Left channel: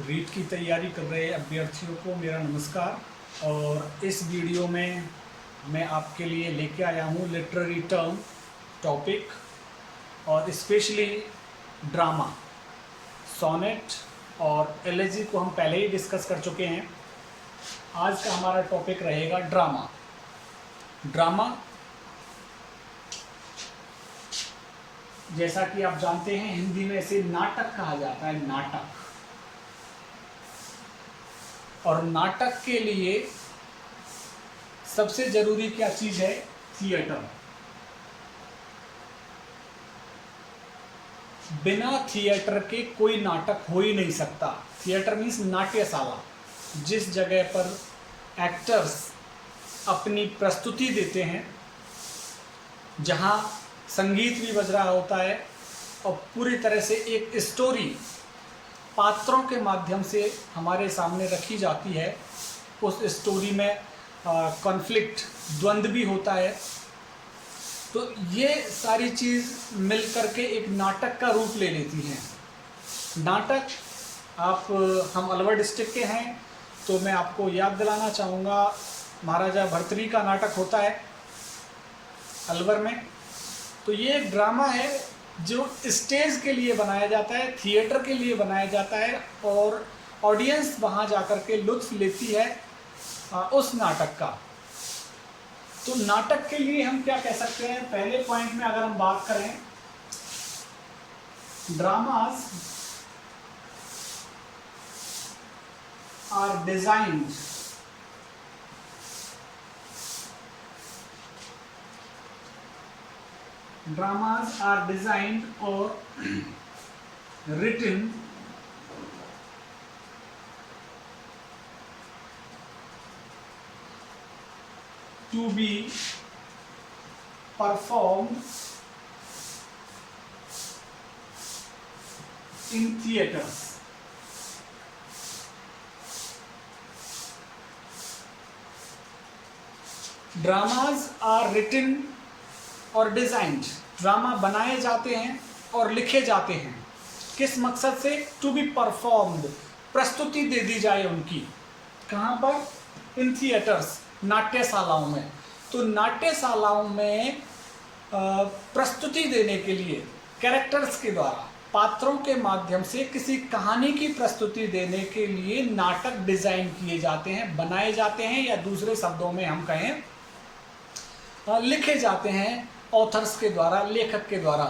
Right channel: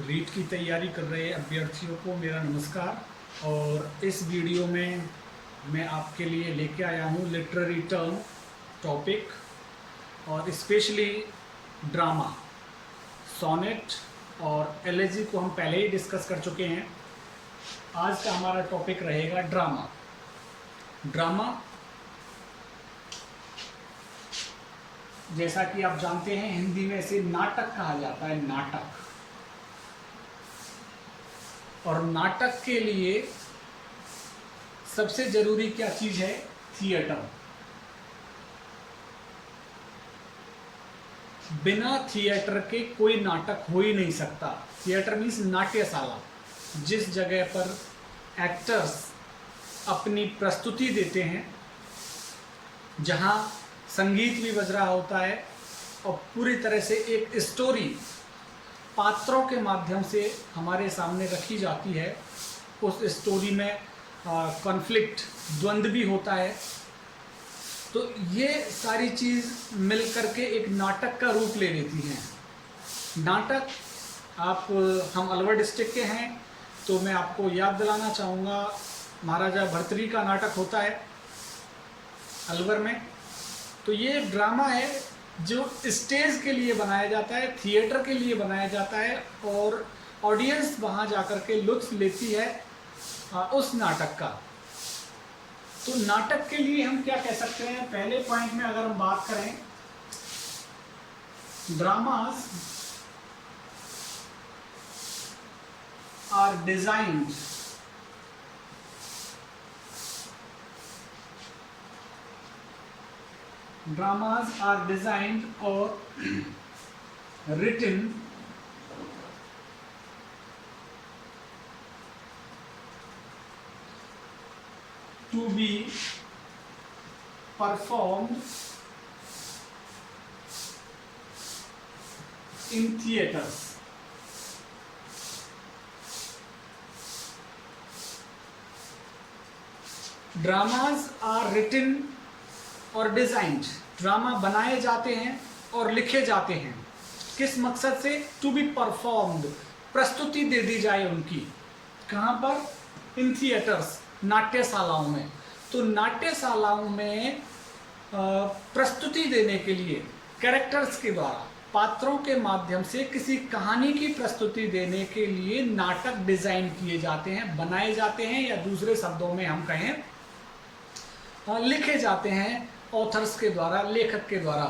रीट की तैयारी कर रहे अभ्यर्थियों को मेरा नमस्कार। और इस वीडियो में मैं आपके लिए लेके आया हूँ लिटरेरी टर्म टॉपिक और स्पेशली ड्रामा, सोनेट और एलेजी को हम पहले ही डिस्कस कर चुके हैं। आज का हमारा टॉपिक रहेगा ड्रामा। ड्रामा जैसा कि आप जानते हैं हिंदी में इसे नाटक कहा जाता है, नाटक। और नाटक के लिए सबसे जरूरी क्या चीज है? थिएटर। बिना थिएटर के कोई नाटक हो ही नहीं सकता। थिएटर मीन्स नाट्यशाला, जिस जगह पर एक्टर्स अपनी प्रस्तुति देते हैं, जहां संगीत भी बज रहा होता है और पूरी तरह से एक स्टोरी पात्रों के माध्यम से हमारे सामने रखी जाती है। उस स्टोरी में कॉन्फ्लिक्ट, द्वंद्व भी होता है। तो ये सारी चीज़ मिल करके एक नाटक का रूप ले लेती हैं। नाटक, हम अलवर डिस्ट्रिक्ट के हैं तो मैं आपको याद दिलाना चाहूँगा, महाराजा भर्तृहरि का नाटक होता है अलवर में। तो ये ड्रामा है जो स्टेज के लिए बनाया जाता है, थिएटर के लिए बनाया जाता है और ऑडियंस वहाँ जाकर के लुत्फ लेती है उस नाटक का। तो नाटक के लिए हम क्या कह सकते हैं? पहले पॉइंट में अगर हम बात करें, dramas are designed dramas are designed or written to be performed in theaters. Dramas are written और डिज़ाइंड, ड्रामा बनाए जाते हैं और लिखे जाते हैं किस मकसद से? टू बी परफॉर्म्ड, प्रस्तुति दे दी जाए उनकी। कहाँ पर? इन थिएटर्स, नाट्यशालाओं में। तो नाट्यशालाओं में प्रस्तुति देने के लिए कैरेक्टर्स के द्वारा, पात्रों के माध्यम से किसी कहानी की प्रस्तुति देने के लिए नाटक डिजाइन किए जाते हैं, बनाए जाते हैं, या दूसरे शब्दों में हम कहें लिखे जाते हैं ऑथर्स के द्वारा, लेखक के द्वारा।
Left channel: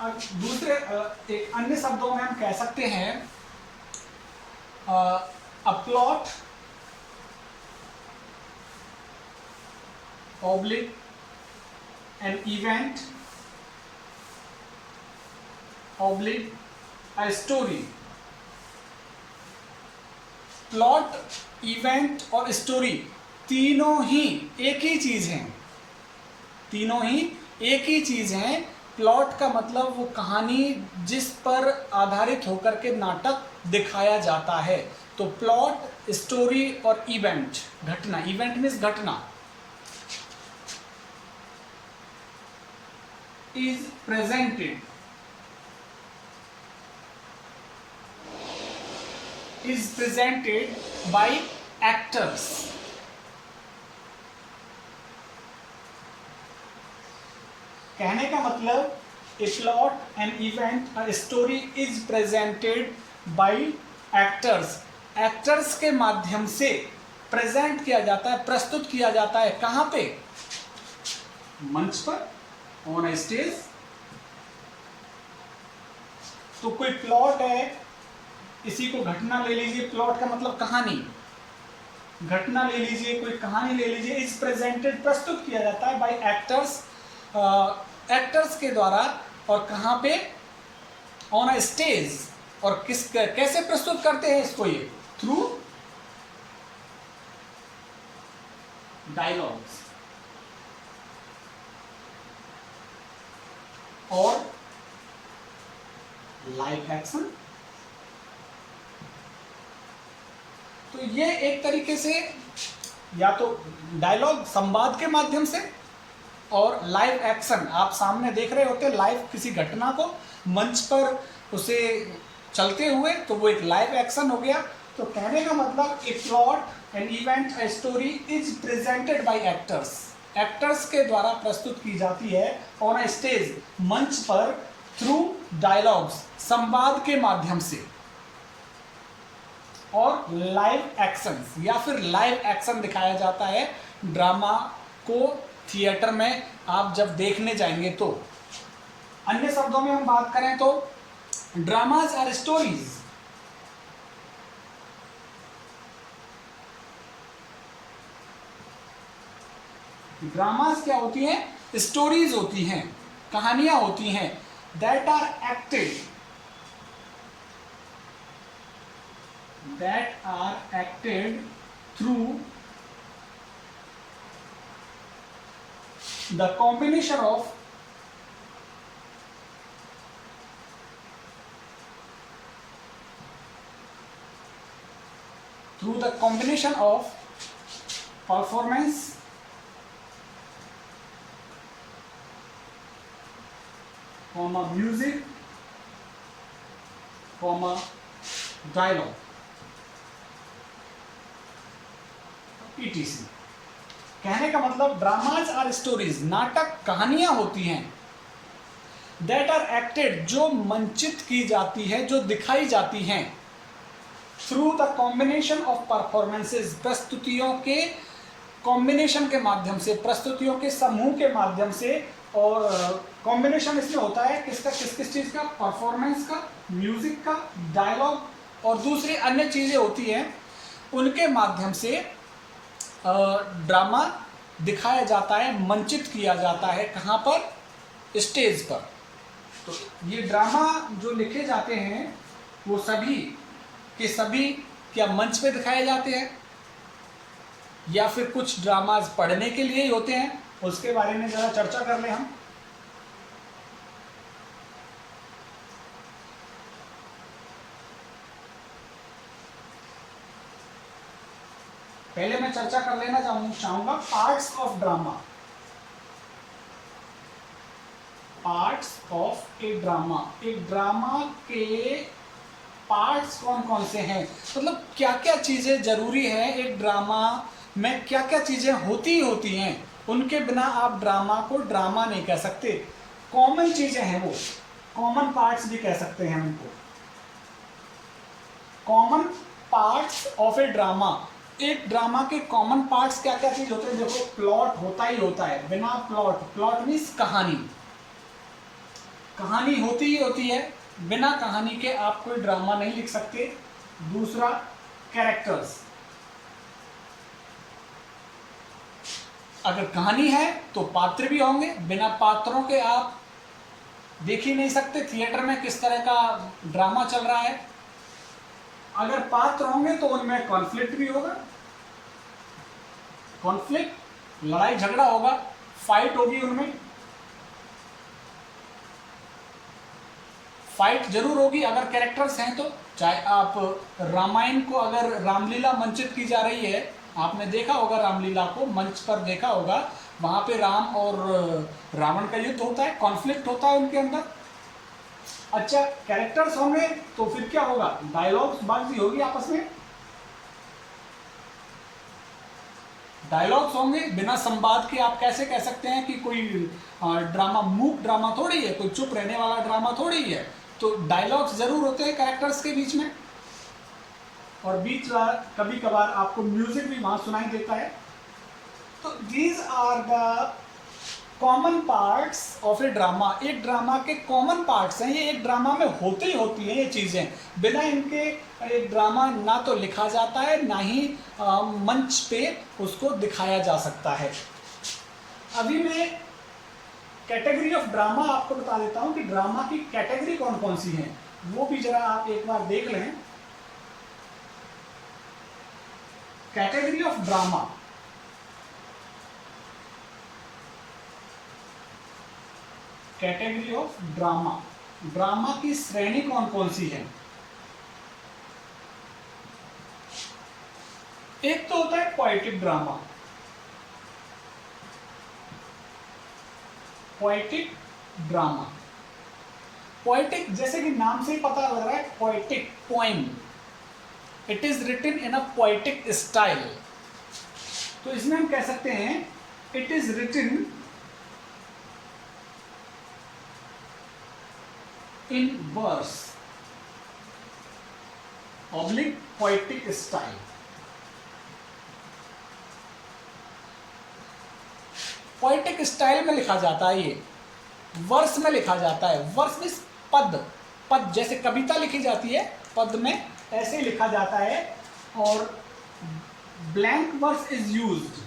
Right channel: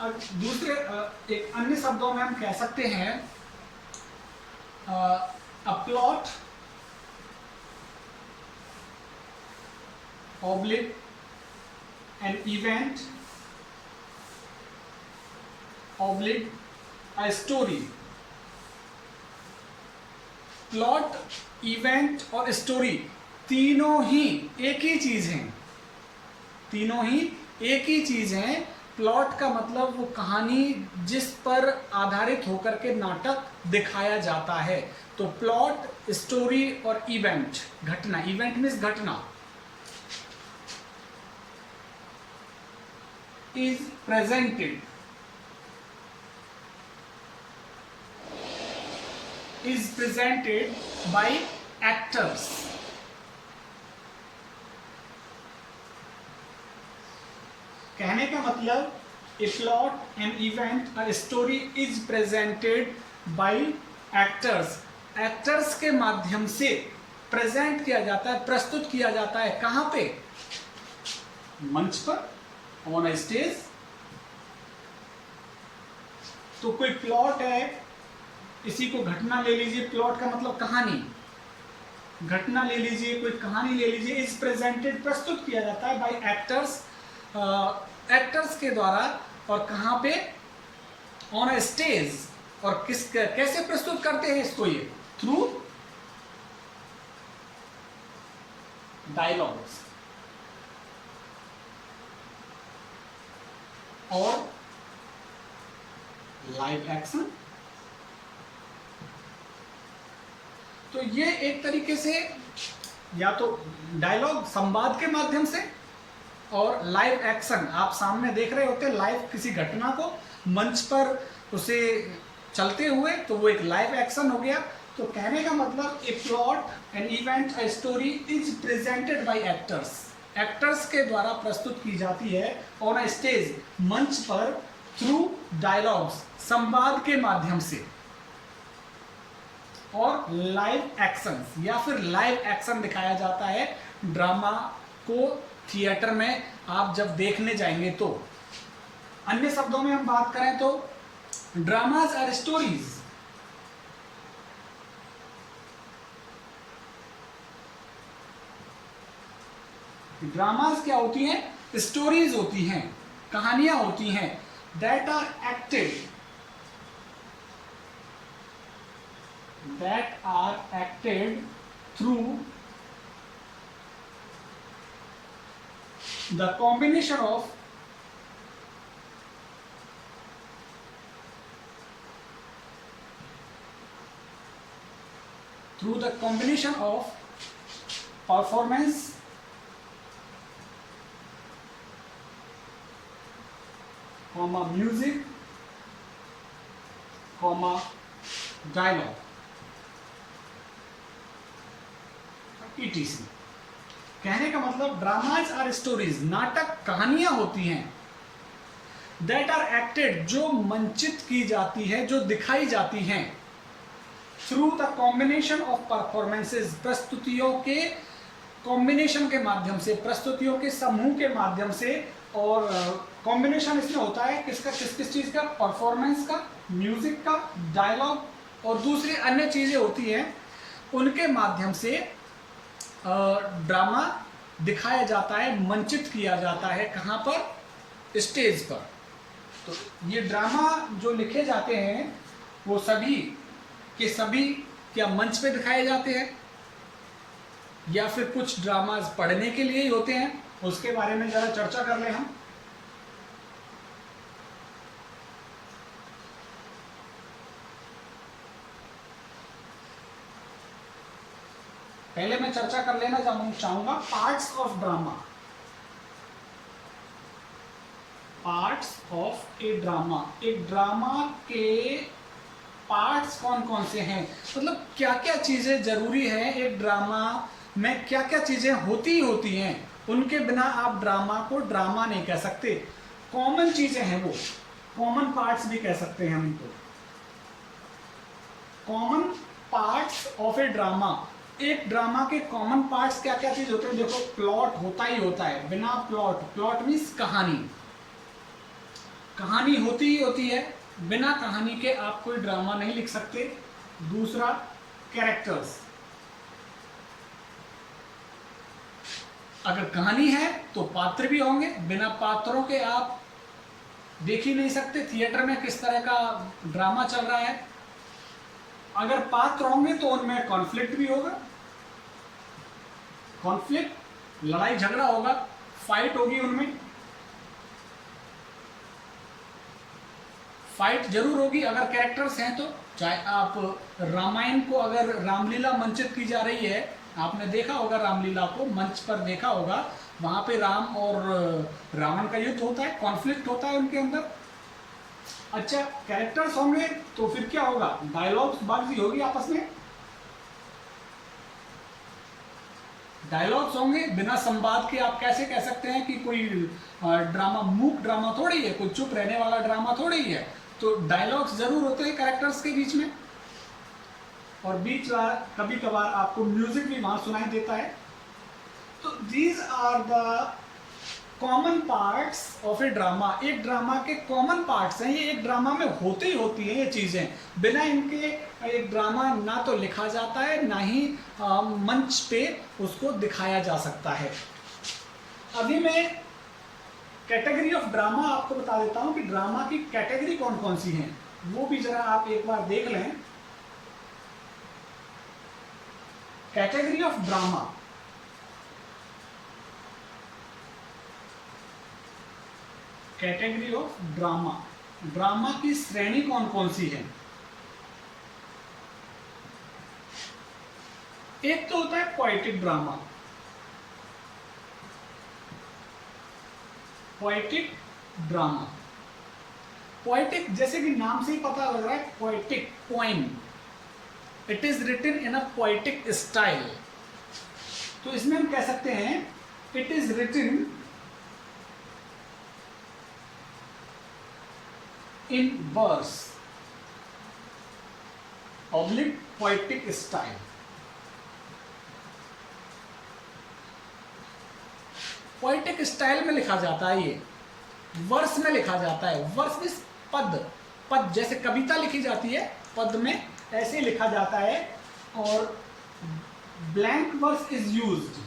अब दूसरे एक अन्य शब्दों में हम कह सकते हैं a plot oblique an event oblique a story. Plot, event और स्टोरी तीनों ही एक ही चीज हैं, तीनों ही एक ही चीज है। प्लॉट का मतलब वो कहानी जिस पर आधारित होकर के नाटक दिखाया जाता है। तो प्लॉट, स्टोरी और इवेंट, घटना। इवेंट मीन्स घटना। Is presented, is presented by actors. कहने का मतलब, ए प्लॉट, एन इवेंट और story is presented by actors. Actors के माध्यम से प्रेजेंट किया जाता है, प्रस्तुत किया जाता है। कहाँ पे? मंच पर, ऑन ए स्टेज। तो कोई प्लॉट है, इसी को घटना ले लीजिए, प्लॉट का मतलब कहानी, घटना ले लीजिए, कोई कहानी ले लीजिए। इज प्रेजेंटेड, प्रस्तुत किया जाता है बाय एक्टर्स, एक्टर्स के द्वारा। और कहाँ पे? On a stage. और कैसे प्रस्तुत करते हैं इसको? ये थ्रू डायलॉग्स और लाइव एक्शन। तो ये एक तरीके से या तो डायलॉग, संवाद के माध्यम से, और लाइव एक्शन, आप सामने देख रहे होते हैं लाइव किसी घटना को, मंच पर उसे चलते हुए, तो वो एक लाइव एक्शन हो गया। तो कहने का मतलब ए plot an event a story is presented by actors, actors के द्वारा प्रस्तुत की जाती है ऑन अ स्टेज, मंच पर, थ्रू डायलॉग्स, संवाद के माध्यम से, और लाइव एक्शन या फिर लाइव एक्शन दिखाया जाता है ड्रामा को थिएटर में आप जब देखने जाएंगे तो। अन्य शब्दों में हम बात करें तो ड्रामाज आर स्टोरीज, ड्रामाज क्या होती हैं? स्टोरीज होती हैं, कहानियां होती हैं, that are acted, through the combination of performance, music, dialogue, etc. कहने का मतलब ड्रामाज आर स्टोरीज, नाटक कहानियां होती हैं, दैट आर एक्टेड, जो मंचित की जाती है, जो दिखाई जाती हैं, through the combination of performances, प्रस्तुतियों के कॉम्बिनेशन के माध्यम से, प्रस्तुतियों के समूह के माध्यम से। और कॉम्बिनेशन इसमें होता है किसका, किस किस चीज़ का? परफॉर्मेंस का, म्यूजिक का, डायलॉग और दूसरी अन्य चीज़ें होती हैं, उनके माध्यम से ड्रामा दिखाया जाता है, मंचित किया जाता है। कहाँ पर? स्टेज पर। तो ये ड्रामा जो लिखे जाते हैं वो सभी के सभी क्या मंच पे दिखाए जाते हैं, या फिर कुछ ड्रामाज पढ़ने के लिए ही होते हैं? उसके बारे में जरा चर्चा कर लें हम। पहले मैं चर्चा कर लेना चाहूंगा parts of drama. Parts of a drama, एक ड्रामा के पार्ट्स कौन कौन से हैं, मतलब क्या क्या चीजें जरूरी है एक ड्रामा में, क्या क्या चीजें होती हैं, उनके बिना आप ड्रामा को ड्रामा नहीं कह सकते। कॉमन चीजें हैं वो, कॉमन पार्ट्स भी कह सकते हैं उनको। Common parts of a drama, एक ड्रामा के कॉमन पार्ट्स क्या क्या चीज होते हैं? देखो, प्लॉट होता ही होता है, बिना प्लॉट मीन्स कहानी, कहानी होती ही होती है, बिना कहानी के आप कोई ड्रामा नहीं लिख सकते। दूसरा, कैरेक्टर्स, अगर कहानी है तो पात्र भी होंगे, बिना पात्रों के आप देख ही नहीं सकते थिएटर में किस तरह का ड्रामा चल रहा है। अगर पात्र होंगे तो उनमें कॉन्फ्लिक्ट भी होगा, कॉन्फ्लिक्ट, लड़ाई झगड़ा होगा, फाइट होगी, उनमें फाइट जरूर होगी अगर कैरेक्टर्स हैं तो। चाहे आप रामायण को, अगर रामलीला मंचित की जा रही है, आपने देखा होगा रामलीला को, मंच पर देखा होगा, वहां पे राम और रावण का युद्ध होता है, कॉन्फ्लिक्ट होता है उनके अंदर। अच्छा, कैरेक्टर्स होंगे तो फिर क्या होगा? डायलॉग्स बातचीत होगी आपस में, डायलॉग्स होंगे। बिना संवाद के आप कैसे कह सकते हैं कि कोई ड्रामा, मूक ड्रामा थोड़ी है, कोई चुप रहने वाला ड्रामा थोड़ी है। तो डायलॉग्स जरूर होते हैं कैरेक्टर्स के बीच में, और बीच कभी कभार आपको म्यूजिक भी वहां सुनाई देता है। तो these are the common parts of a drama, एक ड्रामा के कॉमन पार्ट्स हैं, ये एक ड्रामा में होते ही होती हैं ये चीज़ें, बिना इनके एक ड्रामा ना तो लिखा जाता है, ना ही मंच पे उसको दिखाया जा सकता है। अभी मैं कैटेगरी ऑफ ड्रामा आपको बता देता हूं कि ड्रामा की कैटेगरी कौन कौन सी हैं, वो भी जरा आप एक बार देख लें। Category of drama, category of drama, drama की श्रेणी कौन कौन सी है? एक तो होता है poetic drama, poetic drama, poetic जैसे कि नाम से ही पता लग रहा है, poetic poem, it is written in a poetic style. तो इसमें हम कह सकते हैं it is written in verse oblique poetic style. Poetic style में लिखा जाता है, ये वर्स में लिखा जाता है। वर्स मीन्स पद, पद जैसे कविता लिखी जाती है पद में, ऐसे ही लिखा जाता है। और blank verse is used,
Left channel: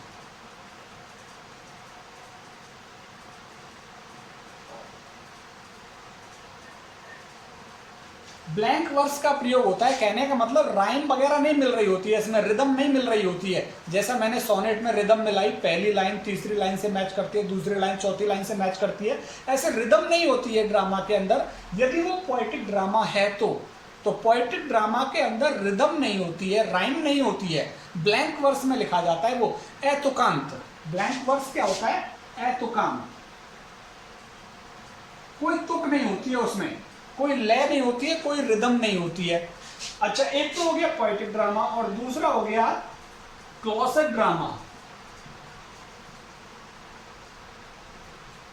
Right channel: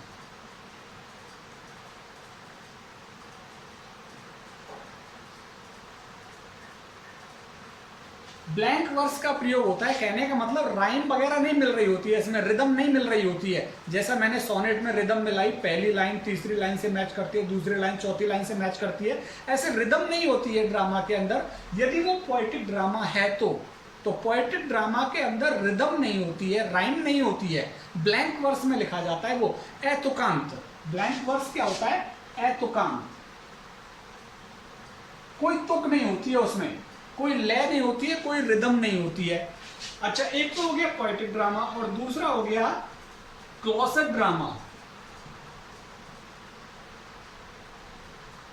blank verse का प्रयोग होता है, कहने का मतलब राइम वगैरह नहीं मिल रही होती है, इसमें रिदम नहीं मिल रही होती है। जैसा मैंने सोनेट में रिदम मिलाई, पहली लाइन तीसरी लाइन से मैच करती है, दूसरी लाइन चौथी लाइन से मैच करती है, ऐसे रिदम नहीं होती है ड्रामा के अंदर। यदि वो पोएटिक ड्रामा है तो पोएटिक ड्रामा के अंदर रिदम नहीं होती है, राइम नहीं होती है, ब्लैंक वर्स में लिखा जाता है वो अतुकांत। ब्लैंक वर्स क्या होता है? अतुकांत, कोई तुक नहीं होती है उसमें, कोई लय नहीं होती है, कोई रिदम नहीं होती है। अच्छा, एक तो हो गया पोएटिक ड्रामा और दूसरा हो गया क्लोसेट ड्रामा।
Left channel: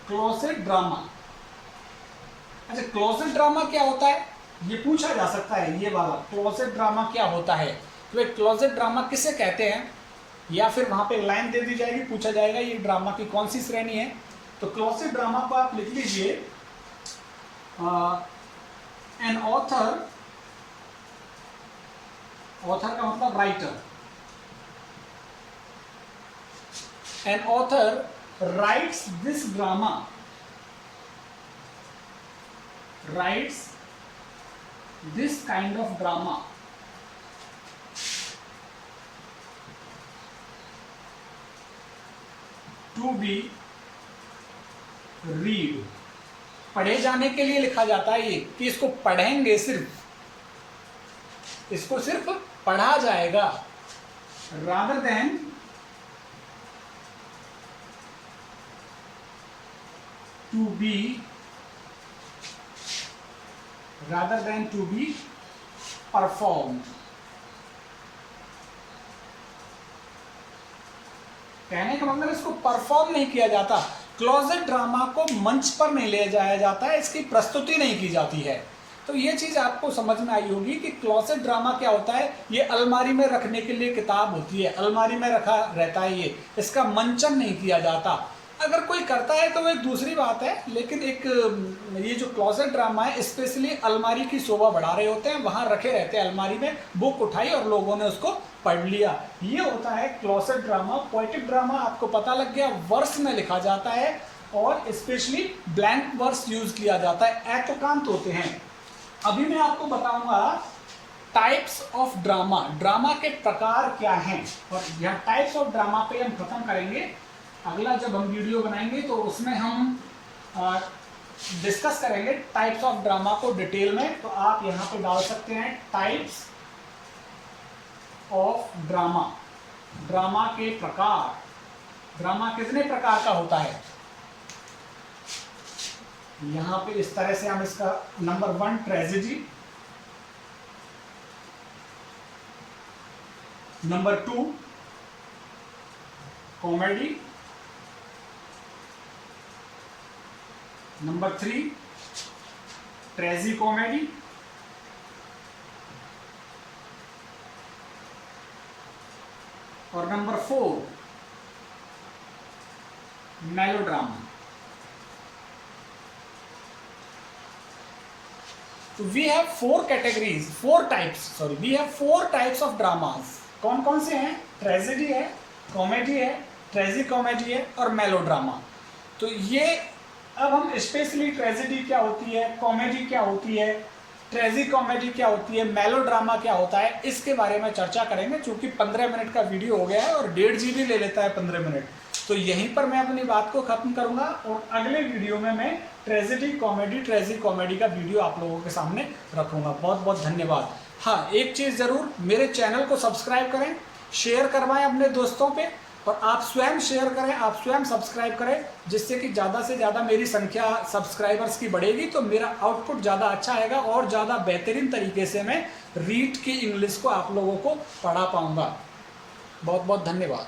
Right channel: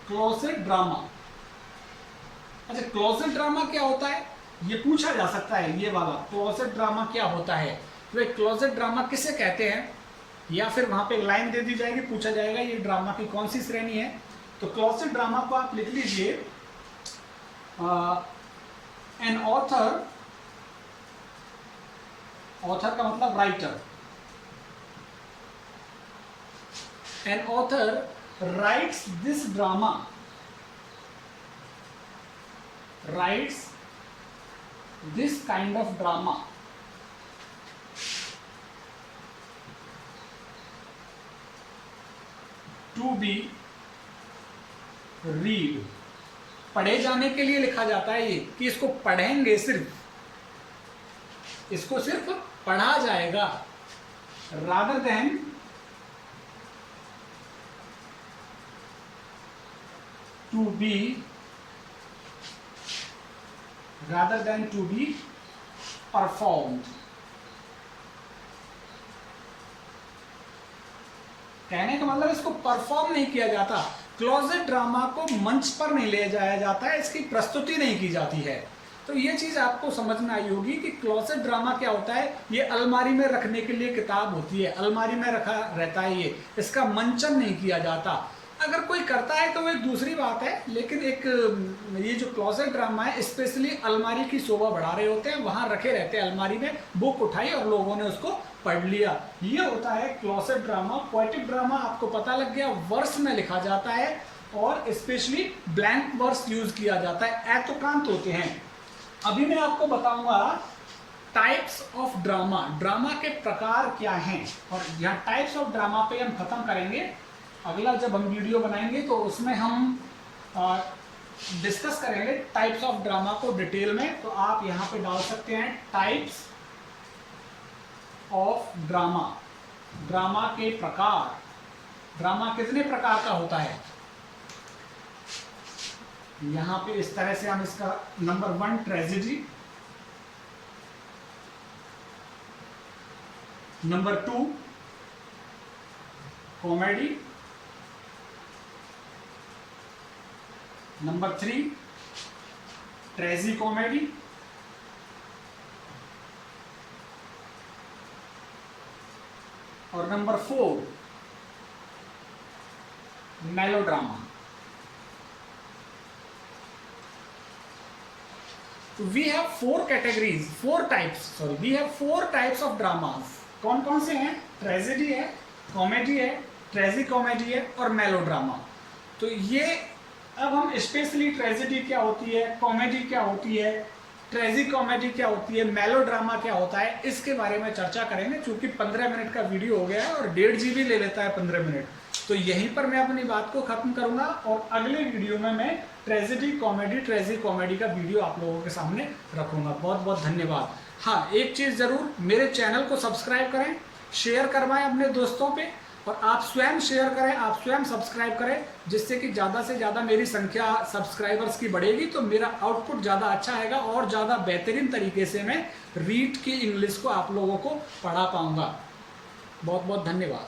क्लोसेट ड्रामा, अच्छा क्लोसेट ड्रामा क्या होता है ये पूछा जा सकता है, ये वाला क्लोसेट ड्रामा क्या होता है, तो क्लोसेट ड्रामा किसे कहते हैं, या फिर वहां पे लाइन दे दी जाएगी, पूछा जाएगा ये ड्रामा की कौन सी श्रेणी है। तो क्लोसेट ड्रामा को आप लिख लीजिए, एन ऑथर, ऑथर का मतलब writer, an author rights this drama, rights this kind of drama to be read, पढ़े जाने के लिए लिखा जाता है ये, कि इसको पढ़ेंगे, सिर्फ इसको सिर्फ पढ़ा जाएगा, rather than to be performed। कहने का मतलब इसको परफॉर्म नहीं किया जाता, क्लोजेट ड्रामा को मंच पर नहीं ले जाया जाता है, इसकी प्रस्तुति नहीं की जाती है। तो ये चीज आपको समझ में आई होगी कि क्लोजेट ड्रामा क्या होता है। ये अलमारी में रखने के लिए किताब होती है, अलमारी में रखा रहता है ये, इसका मंचन नहीं किया जाता। अगर कोई करता है तो वो एक दूसरी बात है, लेकिन एक ये जो क्लोसेट ड्रामा है स्पेशली अलमारी की शोभा बढ़ा रहे होते हैं, वहां रखे रहते हैं अलमारी में, बुक उठाई और लोगों ने उसको पढ़ लिया, ये होता है क्लोसेट ड्रामा। पोएटिक ड्रामा आपको पता लग गया, वर्स में लिखा जाता है और स्पेशली ब्लैंक वर्स यूज किया जाता है, अतुकांत होते हैं। अभी मैं आपको बताऊंगा टाइप्स ऑफ ड्रामा, ड्रामा के प्रकार क्या हैं, और यह टाइप्स ऑफ ड्रामा पे हम खत्म करेंगे। अगला जब हम वीडियो बनाएंगे तो उसमें हम डिस्कस करेंगे टाइप्स ऑफ ड्रामा को डिटेल में। तो आप यहाँ पे डाल सकते हैं टाइप्स ऑफ ड्रामा, ड्रामा के प्रकार, ड्रामा कितने प्रकार का होता है। यहाँ पे इस तरह से हम इसका number 1 tragedy, number 2 comedy, number 3 tragicomedy, और number 4 melodrama. We have 4 categories, 4 types, sorry we have 4 types of dramas. कौन कौन से हैं? ट्रेजेडी है, कॉमेडी है, ट्रेजी कॉमेडी है और मेलोड्रामा। तो ये अब हम स्पेशली ट्रेजेडी क्या होती है, कॉमेडी क्या होती है, ट्रेजी कॉमेडी क्या होती है, मेलोड्रामा क्या होता है, इसके बारे में चर्चा करेंगे। चूंकि 15 मिनट का वीडियो हो गया है और 1.5 GB ले लेता है 15 मिनट, तो यहीं पर मैं अपनी बात को खत्म करूंगा और अगले वीडियो में मैं ट्रेजेडी कॉमेडी, ट्रेजी कॉमेडी का वीडियो आप लोगों के सामने रखूंगा। बहुत बहुत धन्यवाद। हाँ, एक चीज़ ज़रूर, मेरे चैनल को सब्सक्राइब करें, शेयर करवाएं अपने दोस्तों पे, और आप स्वयं शेयर करें, आप स्वयं सब्सक्राइब करें, जिससे कि ज़्यादा से ज़्यादा मेरी संख्या सब्सक्राइबर्स की बढ़ेगी, तो मेरा आउटपुट ज़्यादा अच्छा आएगा और ज़्यादा बेहतरीन तरीके से मैं रीड की इंग्लिश को आप लोगों को पढ़ा पाऊंगा। बहुत बहुत धन्यवाद।